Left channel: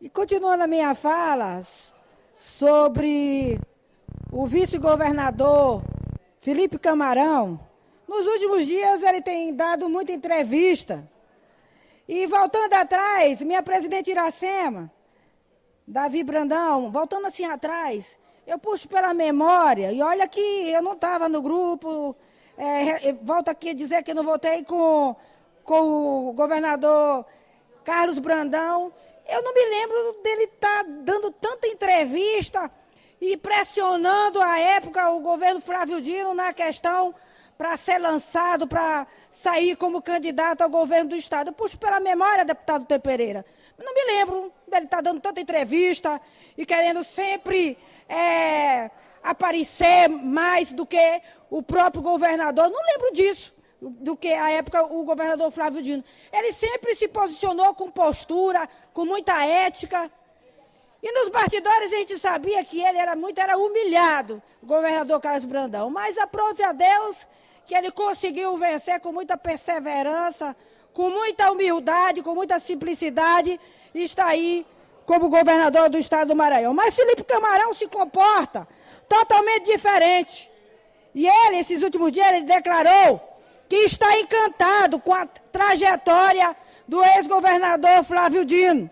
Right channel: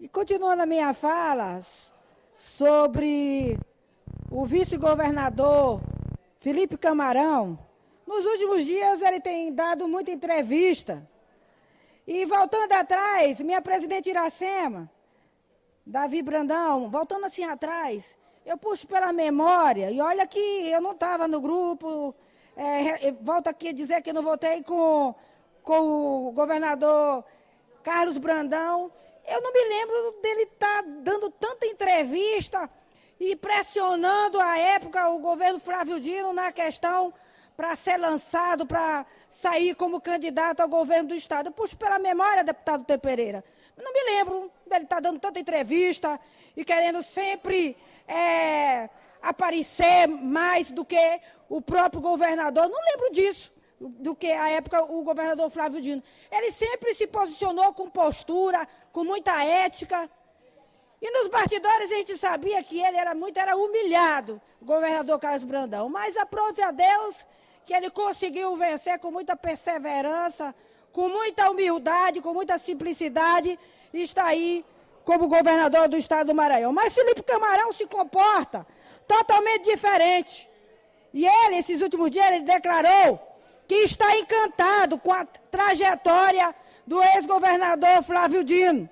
E continuando a minha fala sobre o vice-governador Felipe Camarão, nos últimos dias ele tem dado muita entrevista. E voltando atrás, minha presidente Iracema, Davi Brandão, voltando assim atrás, eu puxo pela memória, e olha que eu não estava no grupo, volto aqui a dizer que eu não votei com o governador Carlos Brandão. Eu não me lembro dele estar dando tanta entrevista e pressionando à época o governo Flávio Dino na questão para ser lançado, para sair como candidato ao governo do Estado. Eu puxo pela memória, deputado T. Pereira. Eu não me lembro dele estar dando tanta entrevista e querendo sempre aparecer mais do que o próprio governador. Não lembro disso, do que à época o governador Flávio Dino. Ele sempre se posicionou com postura, com muita ética. E nos bastidores a gente sabia que ele era humilhado, o governador Carlos Brandão. Mas aprove a Deus que ele conseguiu vencer com muita perseverança, com muita humildade, com muita simplicidade, e está aí como governador do estado do Maranhão. Mas Felipe Camarão se comporta totalmente diferente. E ele, esses últimos dias, ele declarou que está encantado com a trajetória do ex-governador Flávio Dino.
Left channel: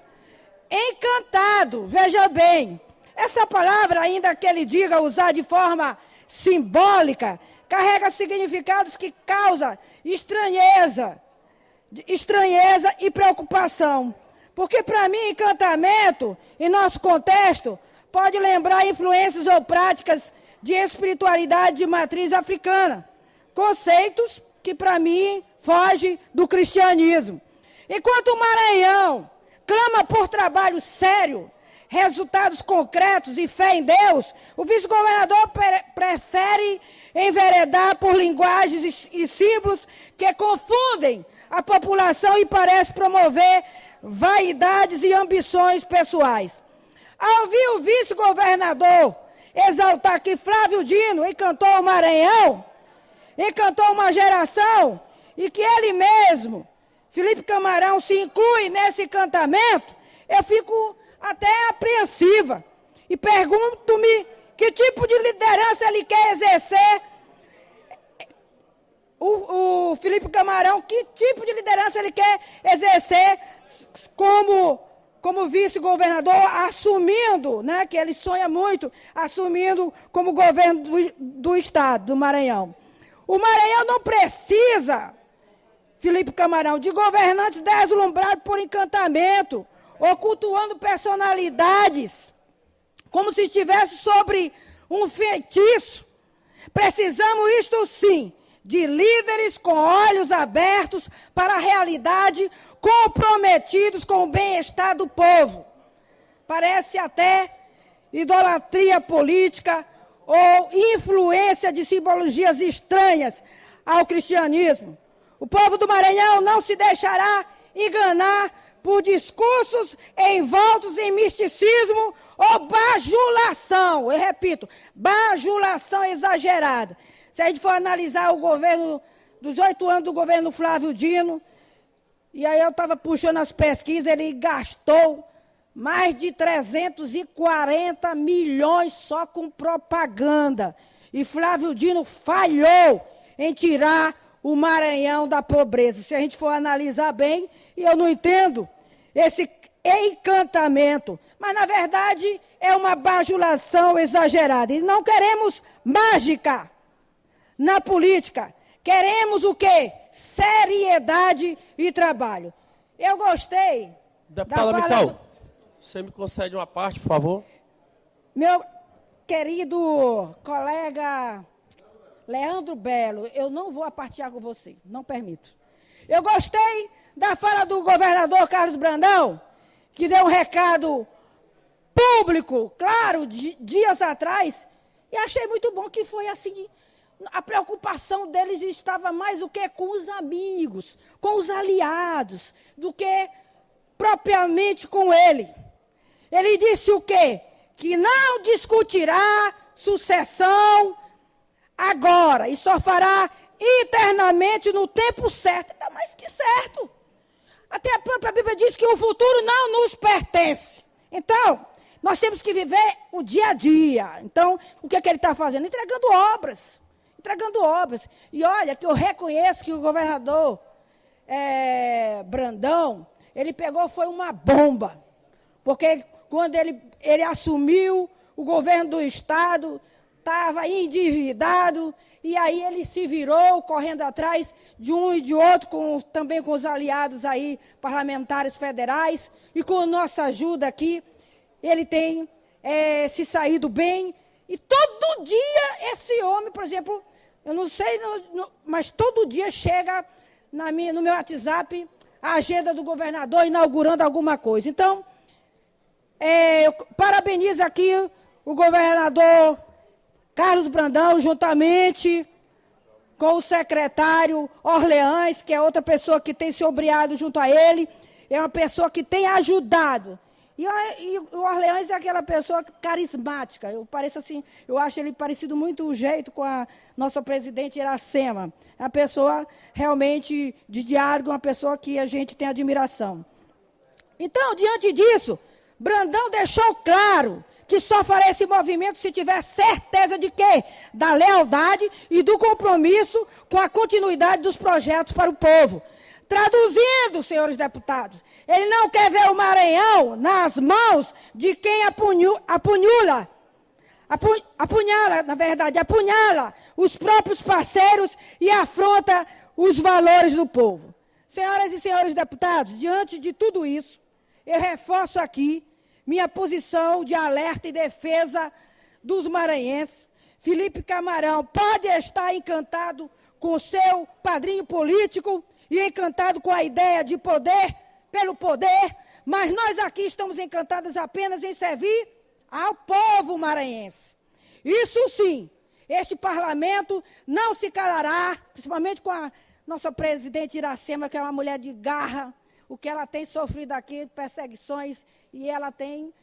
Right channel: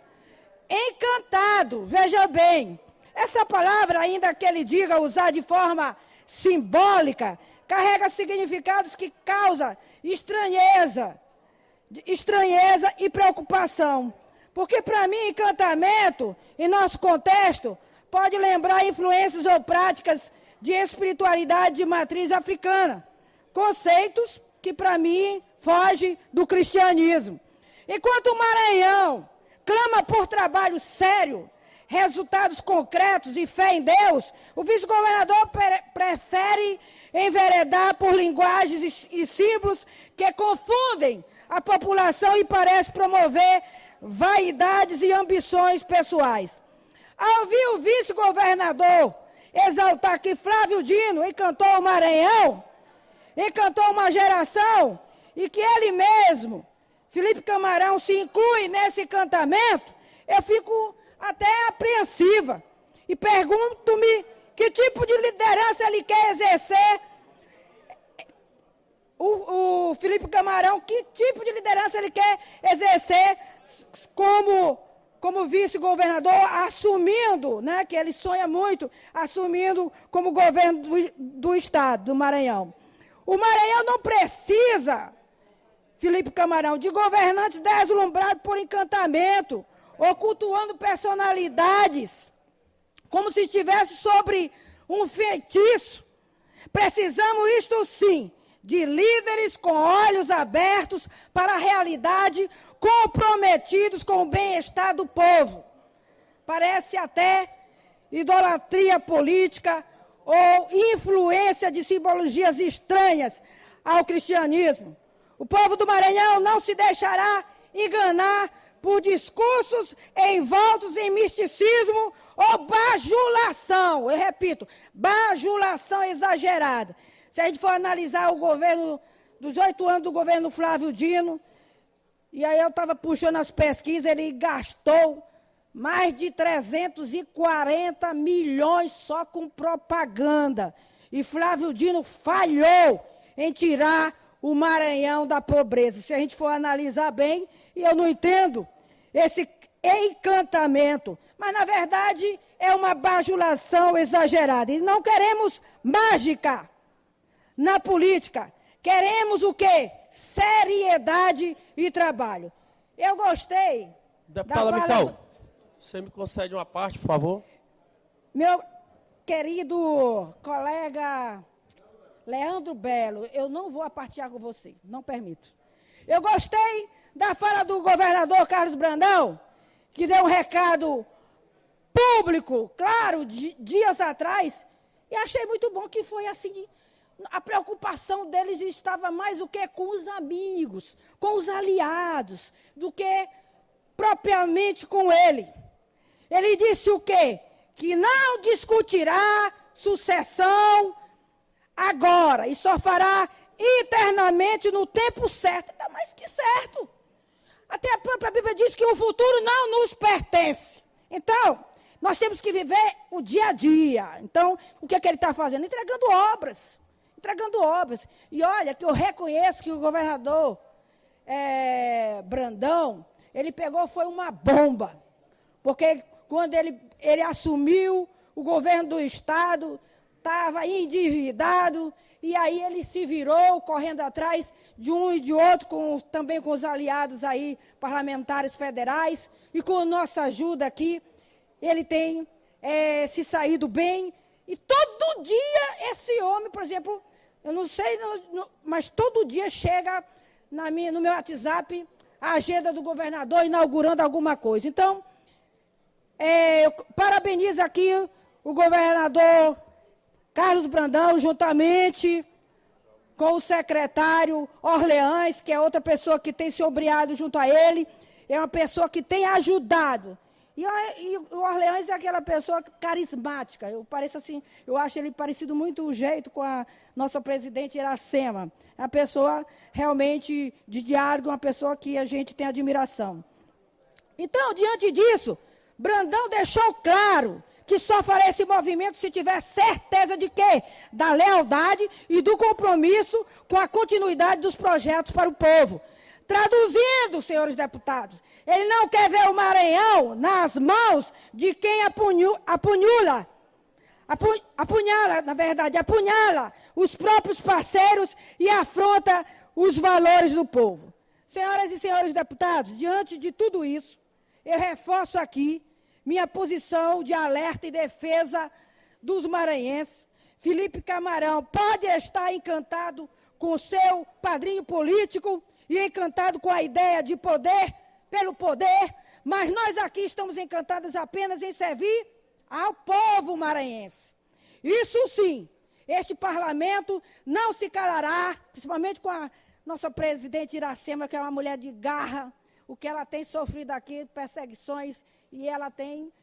Encantado, veja bem. Essa palavra, ainda que ele diga usar de forma simbólica, carrega significados que causam estranheza e preocupação. Porque, para mim, encantamento, em nosso contexto, pode lembrar influências ou práticas de espiritualidade de matriz africana. Conceitos que, para mim, fogem do cristianismo. Enquanto o Maranhão clama por trabalho sério, resultados concretos e fé em Deus, o vice-governador prefere enveredar por linguagens e símbolos que confundem a população e parece promover vaidades e ambições pessoais. Ao ouvir o vice-governador exaltar que Flávio Dino encantou o Maranhão, encantou uma geração, e que ele mesmo, Felipe Camarão, se inclui nesse encantamento, eu fico até apreensiva. E pergunto-me que tipo de liderança ele quer exercer. O Felipe Camarão, que tipo de liderança ele quer exercer como vice-governador, assumindo, né, que ele sonha muito, assumindo como governo do estado do Maranhão. O Maranhão não precisa, Felipe Camarão, de governantes deslumbrados por encantamento, ou cultuando personalidades, como se estivesse sobre um feitiço. Precisamos, isto sim, de líderes com olhos abertos para a realidade, comprometidos com o bem-estar do povo. Parece até idolatria política ou influência de simbologias estranhas ao cristianismo. O povo do Maranhão não se deixará enganar por discursos envoltos em misticismo ou bajulação. Eu repito, bajulação exagerada. Se a gente for analisar o governo, dos 8 anos do governo Flávio Dino, e aí eu estava puxando as pesquisas, ele gastou mais de 340 milhões só com propaganda. E Flávio Dino falhou em tirar o Maranhão da pobreza. Se a gente for analisar bem, e eu não entendo esse encantamento, mas na verdade é uma bajulação exagerada. E não queremos mágica na política. Queremos o quê? Seriedade e trabalho. Eu gostei. Deputada Mical, você me concede uma parte, por favor? Meu querido colega Leandro Belo, eu não vou apartear com você, não permito. Eu gostei da fala do governador Carlos Brandão, que deu um recado público, claro, dias atrás, e achei muito bom que foi assim. A preocupação deles estava mais do que com os amigos, com os aliados, do que propriamente com ele. Ele disse o quê? Que não discutirá sucessão agora, e só fará internamente no tempo certo. Ainda mais que certo. Até a própria Bíblia diz que o futuro não nos pertence. viver o dia a dia. Então, o que, é que ele está fazendo? Entregando obras. Entregando obras. E olha, que eu reconheço que o governador Brandão, ele pegou, foi uma bomba. Porque quando ele assumiu, o governo do Estado estava endividado, e aí ele se virou correndo atrás de um e de outro, também com os aliados aí, parlamentares federais, e com nossa ajuda aqui, ele tem se saído bem. E todo dia esse homem, por exemplo, eu não sei, mas todo dia chega no meu WhatsApp a agenda do governador inaugurando alguma coisa. Então, eu parabenizo aqui o governador Carlos Brandão, juntamente com o secretário Orleans, que é outra pessoa que tem se obriado junto a ele, é uma pessoa que tem ajudado. E o Orleans é aquela pessoa carismática. Eu acho ele parecido muito o jeito com a nossa presidente Iracema. É uma pessoa realmente de diálogo, uma pessoa que a gente tem admiração. Então, diante disso, Brandão deixou claro que só faria esse movimento se tiver certeza de quê? Da lealdade e do compromisso com a continuidade dos projetos para o povo. Traduzindo, senhores deputados, ele não quer ver o Maranhão nas mãos de quem apunhala os próprios parceiros e afronta os valores do povo. Senhoras e senhores deputados, diante de tudo isso, eu reforço aqui minha posição de alerta e defesa dos maranhenses. Felipe Camarão pode estar encantado com seu padrinho político e encantado com a ideia de poder pelo poder, mas nós aqui estamos encantados apenas em servir ao povo maranhense. Isso sim, este parlamento não se calará, principalmente com a nossa presidente Iracema, que é uma mulher de garra, o que ela tem sofrido aqui, perseguições, e ela tem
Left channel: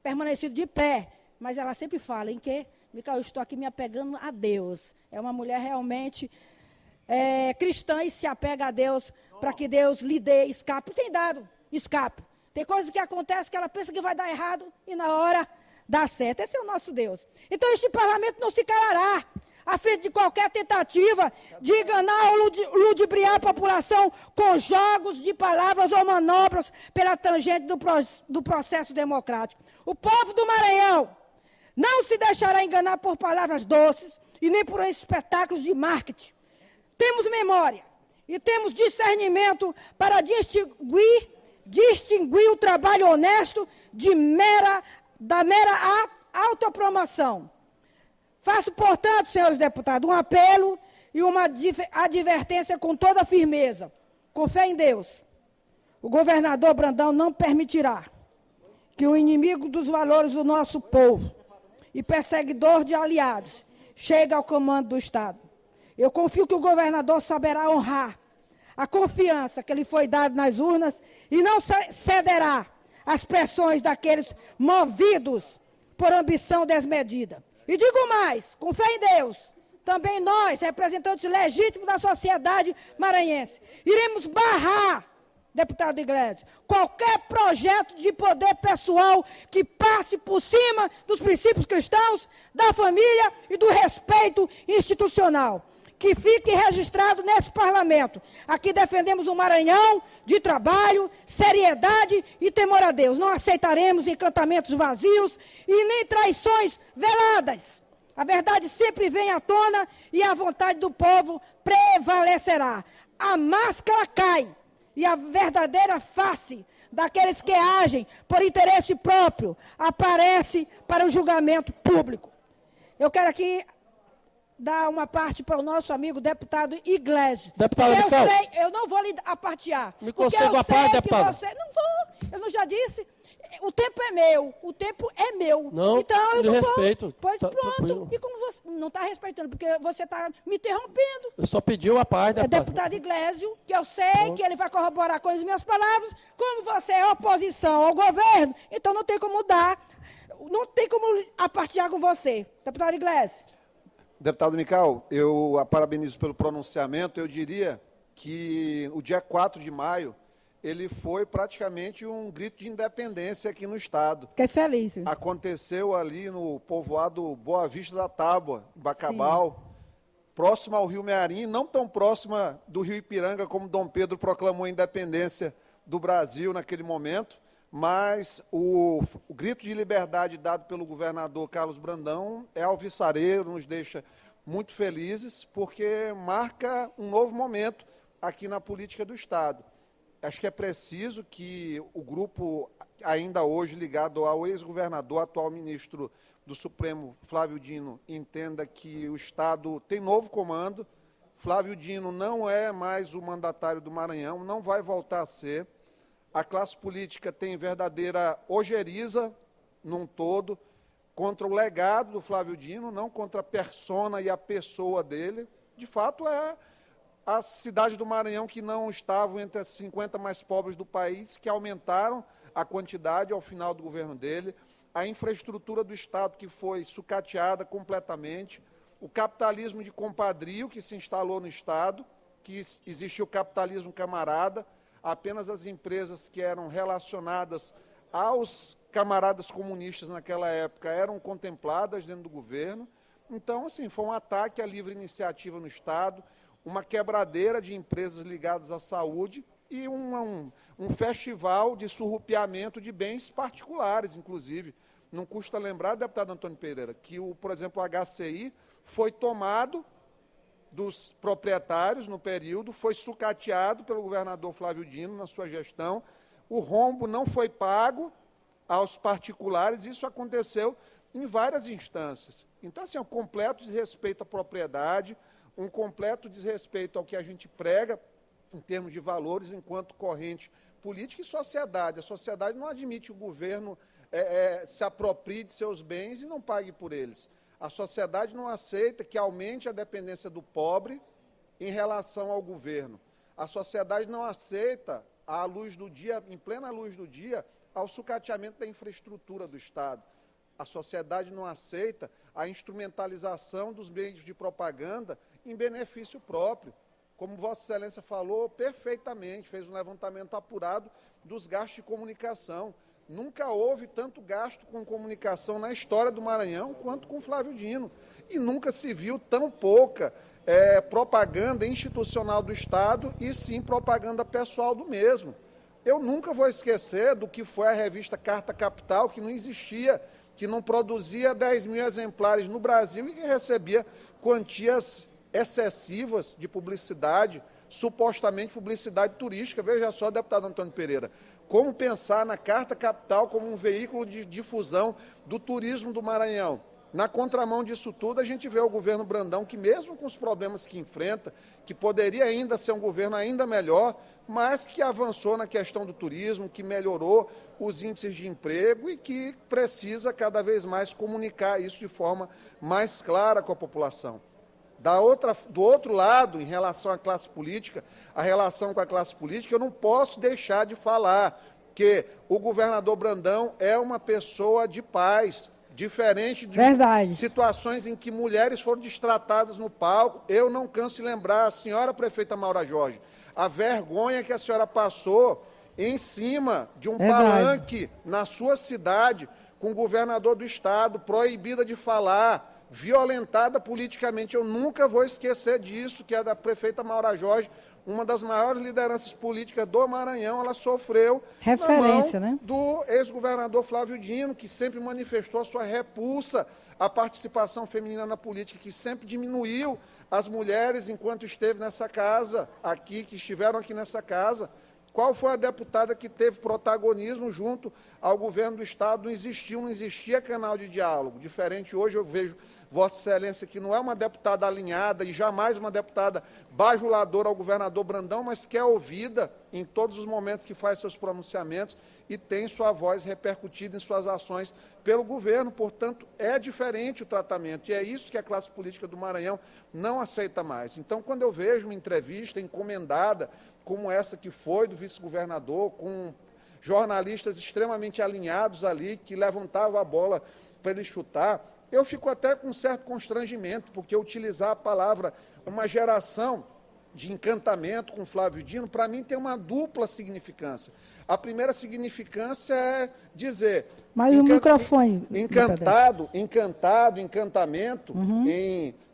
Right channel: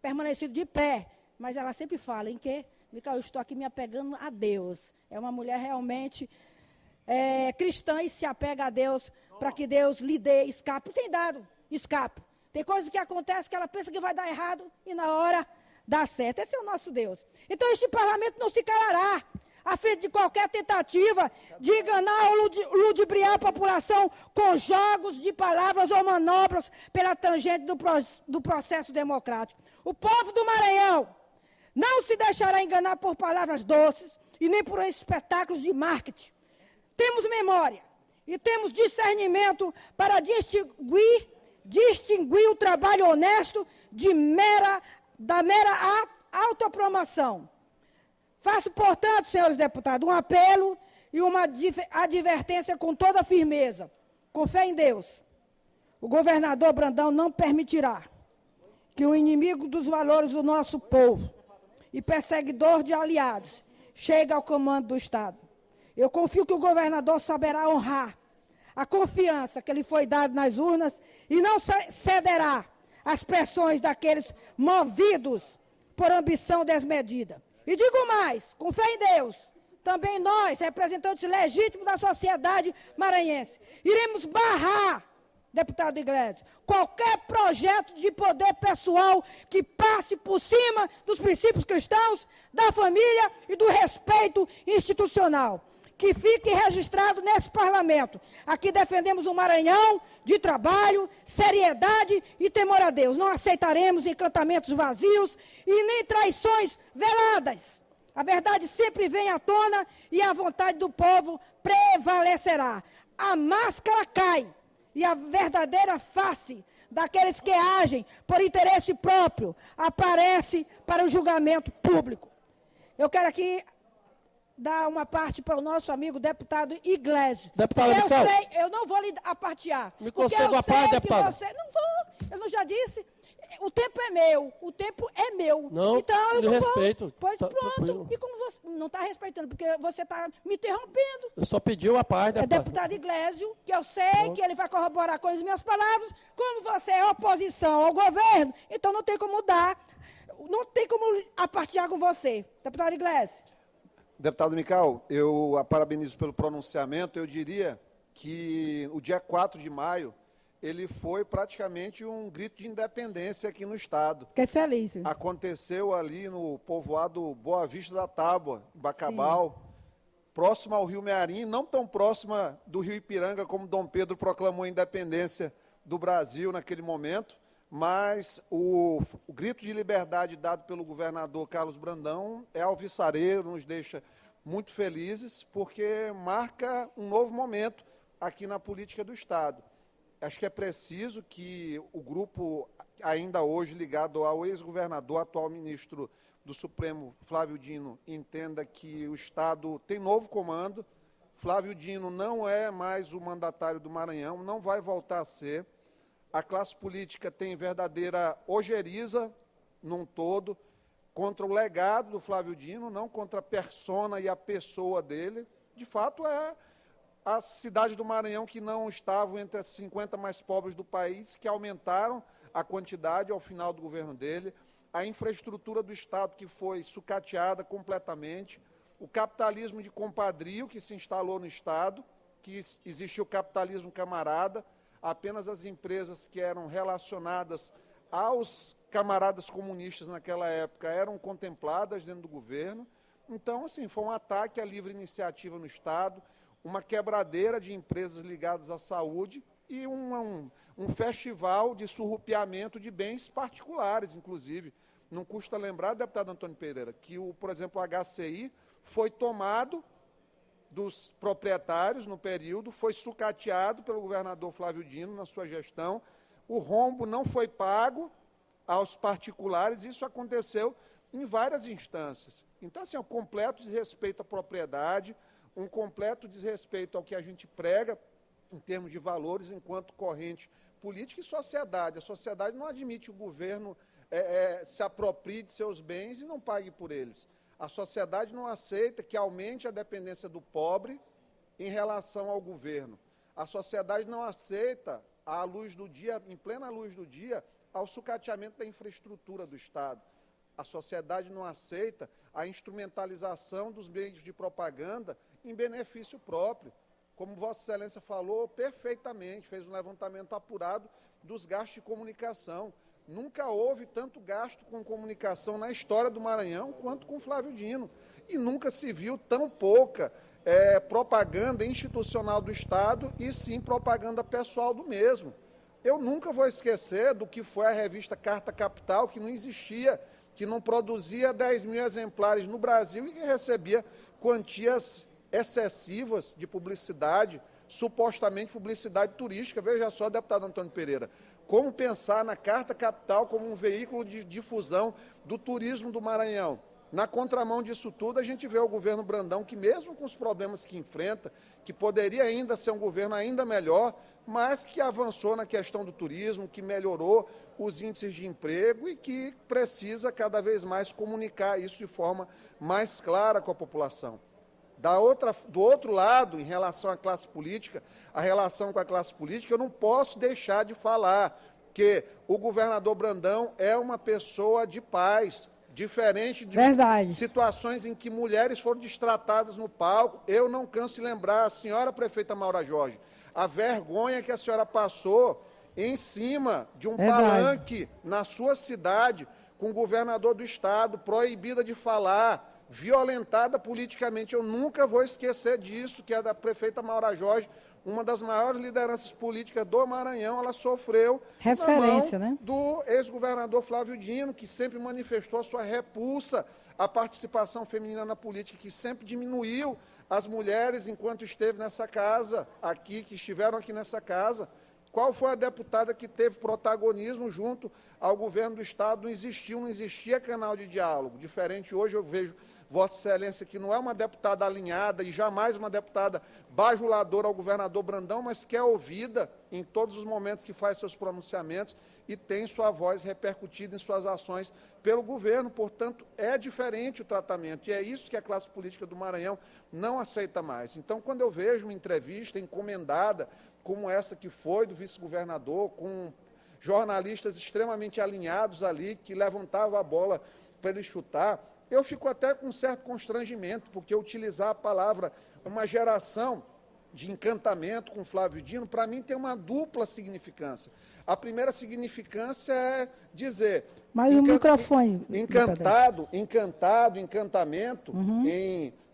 permanecido de pé. Mas ela sempre fala, em que? Eu estou aqui me apegando a Deus. É uma mulher realmente cristã e se apega a Deus para que Deus lhe dê escape. Tem dado escape. Tem coisas que acontecem que ela pensa que vai dar errado e na hora dá certo. Esse é o nosso Deus. Então este parlamento não se calará a fim de qualquer tentativa de enganar ou ludibriar a população com jogos de palavras ou manobras pela tangente do processo democrático. O povo do Maranhão não se deixará enganar por palavras doces e nem por espetáculos de marketing. Temos memória e temos discernimento para distinguir o trabalho honesto da mera autopromoção. Faço, portanto, senhores deputados, um apelo e uma advertência com toda firmeza. Com fé em Deus, o governador Brandão não permitirá que o inimigo dos valores do nosso povo e perseguidor de aliados chegue ao comando do Estado. Eu confio que o governador saberá honrar a confiança que lhe foi dada nas urnas e não cederá às pressões daqueles movidos por ambição desmedida. E digo mais, com fé em Deus, também nós, representantes legítimos da sociedade maranhense, iremos barrar, deputado Iglesias, qualquer projeto de poder pessoal que passe por cima dos princípios cristãos, da família e do respeito institucional. Que fique registrado nesse parlamento. Aqui defendemos um Maranhão de trabalho, seriedade e temor a Deus. Não aceitaremos encantamentos vazios e nem traições veladas. A verdade sempre vem à tona e a vontade do povo prevalecerá. A máscara cai e a verdadeira face daqueles que agem por interesse próprio aparece para o julgamento público. Eu quero aqui dar uma parte para o nosso amigo deputado Iglesias. Deputado, eu não vou lhe apartear. Me conceda uma parte, deputado. Não vou, eu não já disse. O tempo é meu, o tempo é meu. Não, então, eu lhe não respeito. Vou. Pois Tá, pronto. tranquilo. E como você não está respeitando, porque você está me interrompendo. Eu só pedi uma parte, É deputado. deputado Iglesias, que eu sei que ele vai corroborar com as minhas palavras. Como você é oposição ao governo, então não tem como não tem como apartear com você. Deputado Iglesias. Deputado Nical, eu a parabenizo pelo pronunciamento. Eu diria que o dia 4 de maio ele foi praticamente um grito de independência aqui no estado. Fiquei feliz. Aconteceu ali no povoado Boa Vista da Tábua, em Bacabal, próxima ao Rio Mearim, não tão próxima do Rio Ipiranga como Dom Pedro proclamou a independência do Brasil naquele momento, mas o grito de liberdade dado pelo governador Carlos Brandão é alvissareiro, nos deixa muito felizes, porque marca um novo momento aqui na política do estado. Acho que é preciso que o grupo, ainda hoje ligado ao ex-governador, atual ministro do Supremo, Flávio Dino, entenda que o estado tem novo comando. Flávio Dino não é mais o mandatário do Maranhão, não vai voltar a ser. A classe política tem verdadeira ojeriza num todo contra o legado do Flávio Dino, não contra a persona e a pessoa dele. De fato, é a cidade do Maranhão que não estavam entre as 50 mais pobres do país, que aumentaram a quantidade ao final do governo dele, a infraestrutura do estado que foi sucateada completamente, o capitalismo de compadrio que se instalou no estado, que existiu o capitalismo camarada, apenas as empresas que eram relacionadas aos camaradas comunistas naquela época eram contempladas dentro do governo. Então, assim, foi um ataque à livre iniciativa no estado, uma quebradeira de empresas ligadas à saúde e um festival de surrupiamento de bens particulares, inclusive. Não custa lembrar, deputado Antônio Pereira, que, por exemplo, o HCI foi tomado dos proprietários no período, foi sucateado pelo governador Flávio Dino na sua gestão, o rombo não foi pago aos particulares, isso aconteceu em várias instâncias. Então, assim, é um completo desrespeito à propriedade, um completo desrespeito ao que a gente prega em termos de valores enquanto corrente política e sociedade. A sociedade não admite que o governo se aproprie de seus bens e não pague por eles. A sociedade não aceita que aumente a dependência do pobre em relação ao governo. A sociedade não aceita, à luz do dia, em plena luz do dia, ao sucateamento da infraestrutura do Estado. A sociedade não aceita a instrumentalização dos meios de propaganda em benefício próprio. Como Vossa Excelência falou perfeitamente, fez um levantamento apurado dos gastos de comunicação. Nunca houve tanto gasto com comunicação na história do Maranhão quanto com Flávio Dino. E nunca se viu tão pouca propaganda institucional do Estado e sim propaganda pessoal do mesmo. Eu nunca vou esquecer do que foi a revista Carta Capital, que não existia, que não produzia 10 mil exemplares no Brasil e que recebia quantias excessivas de publicidade, supostamente publicidade turística. Veja só, deputado Antônio Pereira, como pensar na Carta Capital como um veículo de difusão do turismo do Maranhão. Na contramão disso tudo, a gente vê o governo Brandão, que mesmo com os problemas que enfrenta, que poderia ainda ser um governo ainda melhor, mas que avançou na questão do turismo, que melhorou os índices de emprego e que precisa cada vez mais comunicar isso de forma mais clara com a população. Do outro lado, em relação à classe política, a relação com a classe política, eu não posso deixar de falar que o governador Brandão é uma pessoa de paz, diferente de situações em que mulheres foram destratadas no palco. Eu não canso de lembrar, a senhora prefeita Maura Jorge, a vergonha que a senhora passou em cima de um palanque na sua cidade, com o governador do estado, proibida de falar, violentada politicamente. Eu nunca vou esquecer disso, que é da prefeita Maura Jorge, uma das maiores lideranças políticas do Maranhão. Ela sofreu referência, né, do ex-governador Flávio Dino, que sempre manifestou a sua repulsa à participação feminina na política, que sempre diminuiu as mulheres enquanto esteve nessa casa, aqui, que estiveram aqui nessa casa. Qual foi a deputada que teve protagonismo junto ao governo do Estado? Não existia canal de diálogo. Diferente hoje, eu vejo Vossa Excelência, que não é uma deputada alinhada e jamais uma deputada bajuladora ao governador Brandão, mas que é ouvida em todos os momentos que faz seus pronunciamentos e tem sua voz repercutida em suas ações pelo governo. Portanto, é diferente o tratamento, e é isso que a classe política do Maranhão não aceita mais. Então, quando eu vejo uma entrevista encomendada, como essa que foi do vice-governador, com jornalistas extremamente alinhados ali, que levantavam a bola para ele chutar, eu fico até com um certo constrangimento, porque utilizar a palavra uma geração de encantamento com Flávio Dino, para mim tem uma dupla significância. A primeira significância é dizer... Mas o microfone... Encantamento,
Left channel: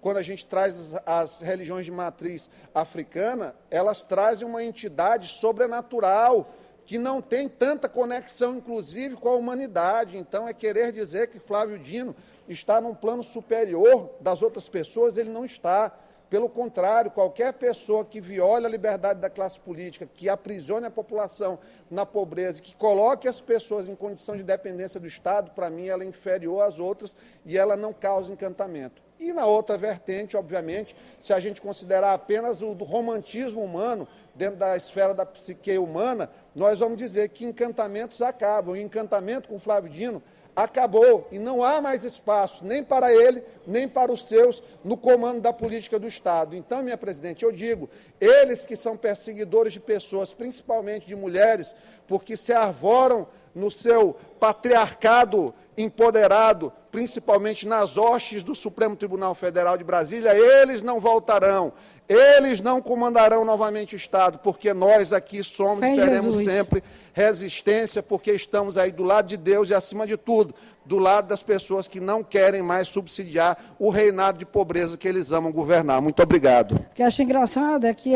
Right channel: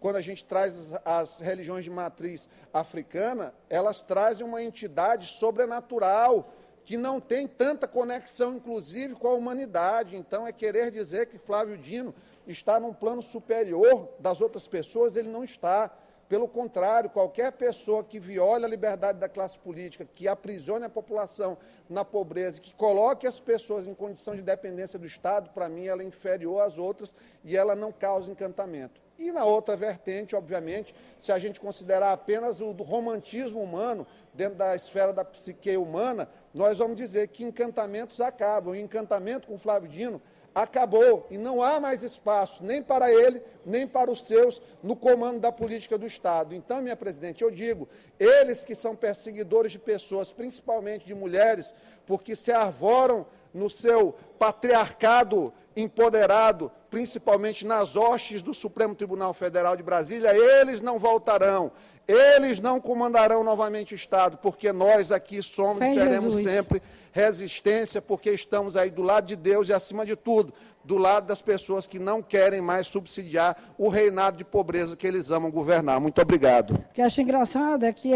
quando a gente traz as religiões de matriz africana, elas trazem uma entidade sobrenatural, que não tem tanta conexão, inclusive, com a humanidade. Então, é querer dizer que Flávio Dino está num plano superior das outras pessoas, ele não está. Pelo contrário, qualquer pessoa que viole a liberdade da classe política, que aprisione a população na pobreza, que coloque as pessoas em condição de dependência do Estado, para mim, ela é inferior às outras e ela não causa encantamento. E na outra vertente, obviamente, se a gente considerar apenas o do romantismo humano, dentro da esfera da psique humana, nós vamos dizer que encantamentos acabam. E encantamento com Flávio Dino acabou e não há mais espaço nem para ele, nem para os seus no comando da política do Estado. Então, minha presidente, eu digo, eles que são perseguidores de pessoas, principalmente de mulheres, porque se arvoram no seu patriarcado empoderado, principalmente nas hostes do Supremo Tribunal Federal de Brasília, eles não voltarão. Eles não comandarão novamente o Estado, porque nós aqui somos e seremos sempre resistência, porque estamos aí do lado de Deus e, acima de tudo, do lado das pessoas que não querem mais subsidiar o reinado de pobreza que eles amam governar. Muito obrigado. O que eu acho engraçado é que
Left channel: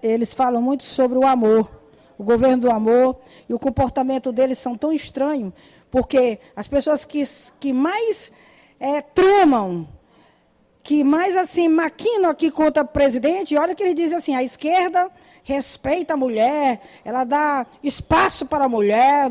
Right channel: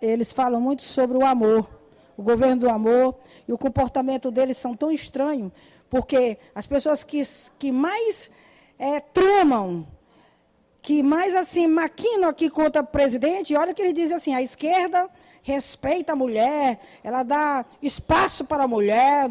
eles falam muito sobre o amor, o governo do amor, e o comportamento deles são tão estranhos, porque as pessoas que mais tramam, que mais assim maquinam aqui contra o presidente, olha que ele diz assim, a esquerda respeita a mulher, ela dá espaço para a mulher,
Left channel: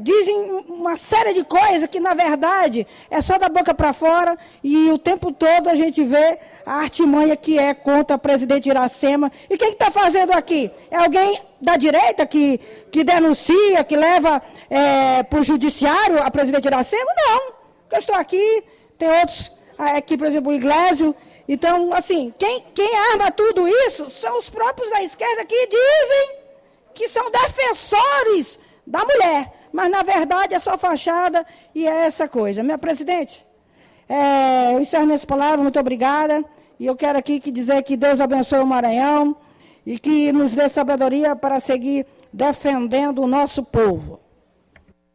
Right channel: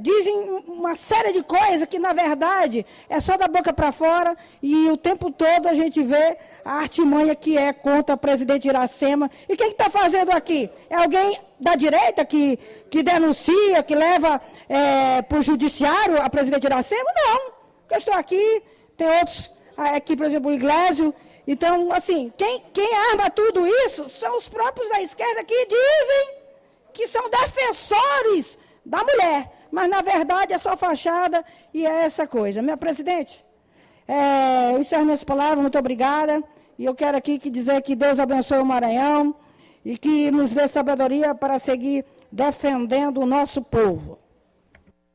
dizem uma série de coisas que, na verdade, é só da boca para fora, e o tempo todo a gente vê a artimanha que é contra o presidente Iracema. E quem está fazendo aqui? É alguém da direita que denuncia, que leva para o judiciário a presidente Iracema? Não. Eu estou aqui, tem outros... Aqui, por exemplo, o Iglesias. Então, assim, quem arma tudo isso são os próprios da esquerda que dizem que são defensores da mulher. Mas, na verdade, é só fachada e é essa coisa. Minha presidente, eu encerro minhas palavras, muito obrigada. E eu quero aqui dizer que Deus abençoe o Maranhão e que nos dê sabedoria para seguir defendendo o nosso povo.